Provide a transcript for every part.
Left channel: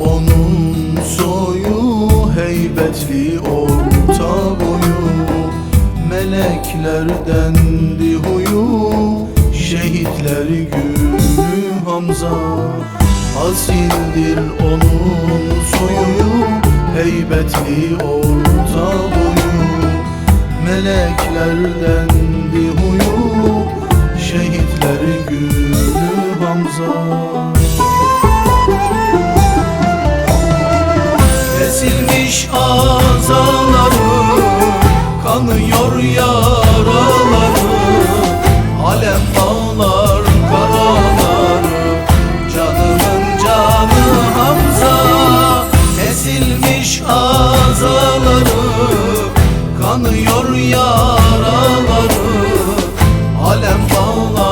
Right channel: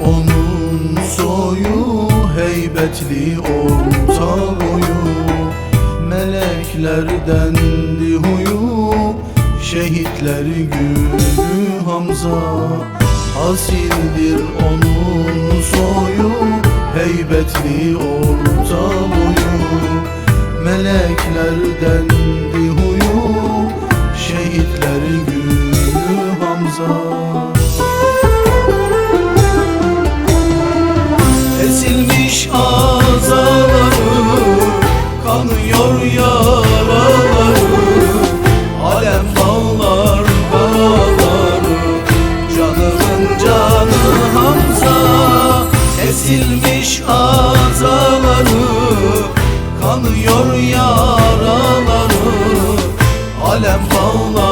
Onun soyu Heybetli orta boyu. Meleklerdendi huyu Şehitler günü Hamza. Asildir onun soyu Heybetli orta boyu. Meleklerdendi Kesilmiş azaları Kanıyor yaraları Alem bağlar karaları Canımın canı Hamza Kesilmiş azaları Kanıyor yaraları Alem bağlar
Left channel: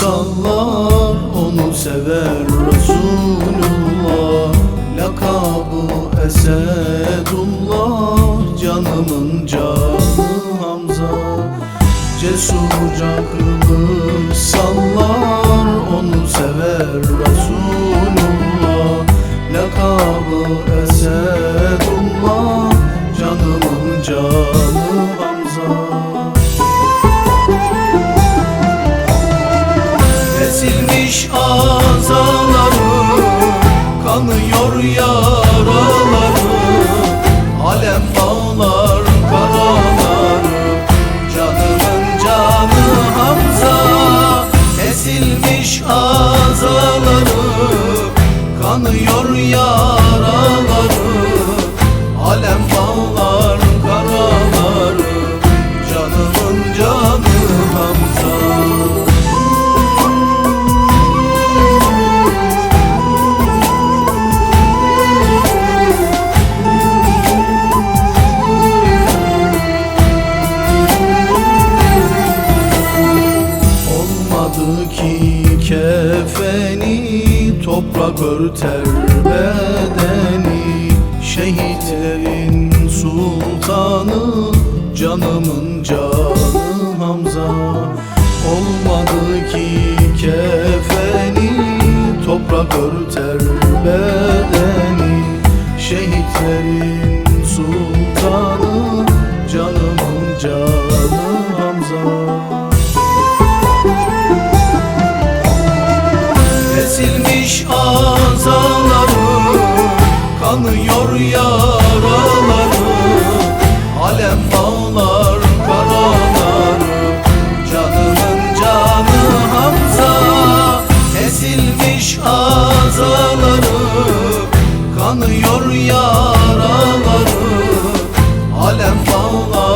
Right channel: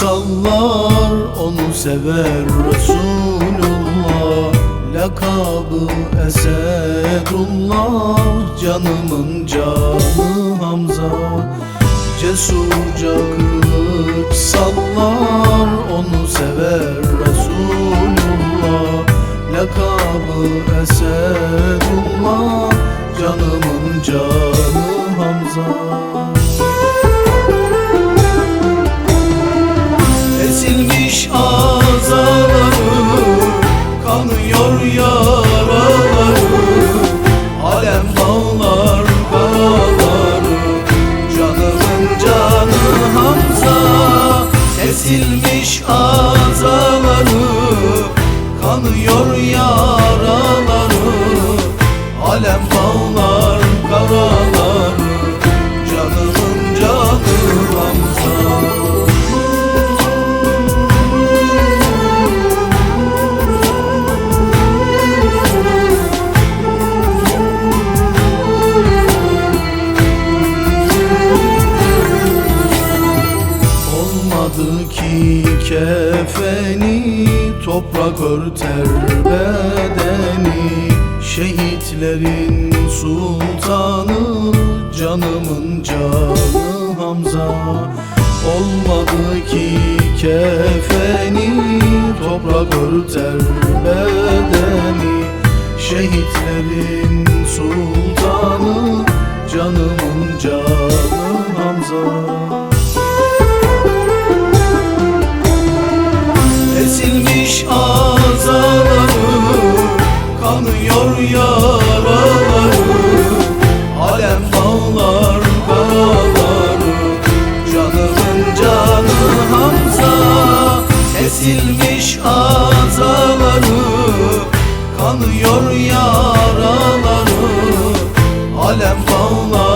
sallar Onu sever Resulullah. Lakabı Esedullah Canımın canı Hamza. Cesurca kılıç sallar Onu sever Resulullah Kesilmiş azaları Kanıyor yaraları. Alem bağlar karaları Canımın canı Hamza. Kesilmiş azaları Kanıyor yaraları. Alem bağlar ki kefeni Toprak örter bedeni Şehitlerin sultanı Canımın canı Hamza. Olmadı ki kefeni Toprak örter bedeni Şehitlerin sultanı Canımın canı Hamza Erimiş azaları Kanıyor yaraları Alem bağlar karaları. Canımın canı Hamza Kesilmiş azaları Kanıyor yaraları. Alem bağlar